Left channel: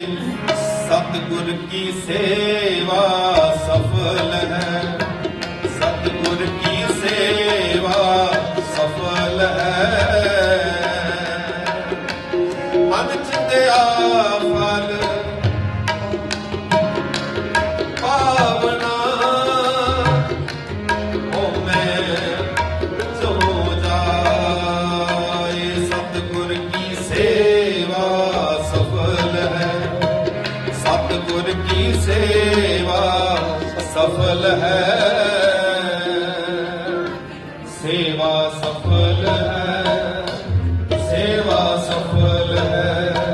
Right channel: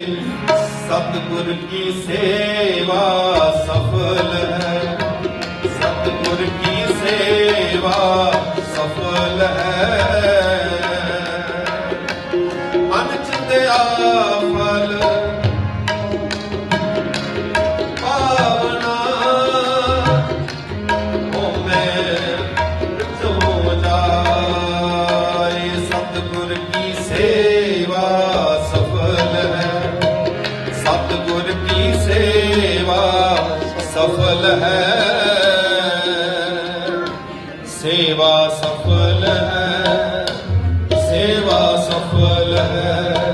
ਸਤਿਗੁਰ ਕੀ ਸੇਵਾ ਸਫਲ ਹੈ? ਸਤਿਗੁਰ ਕੀ ਸੇਵਾ ਸਫਲ ਹੈ? ਮਨ ਚਿੰਦਿਆ ਫਲ ਸਫਲ ਹੈ। ਸੇਵਾ ਸਫਲ ਹੈ। ਸੇਵਾ ਸਫਲ ਹੈ।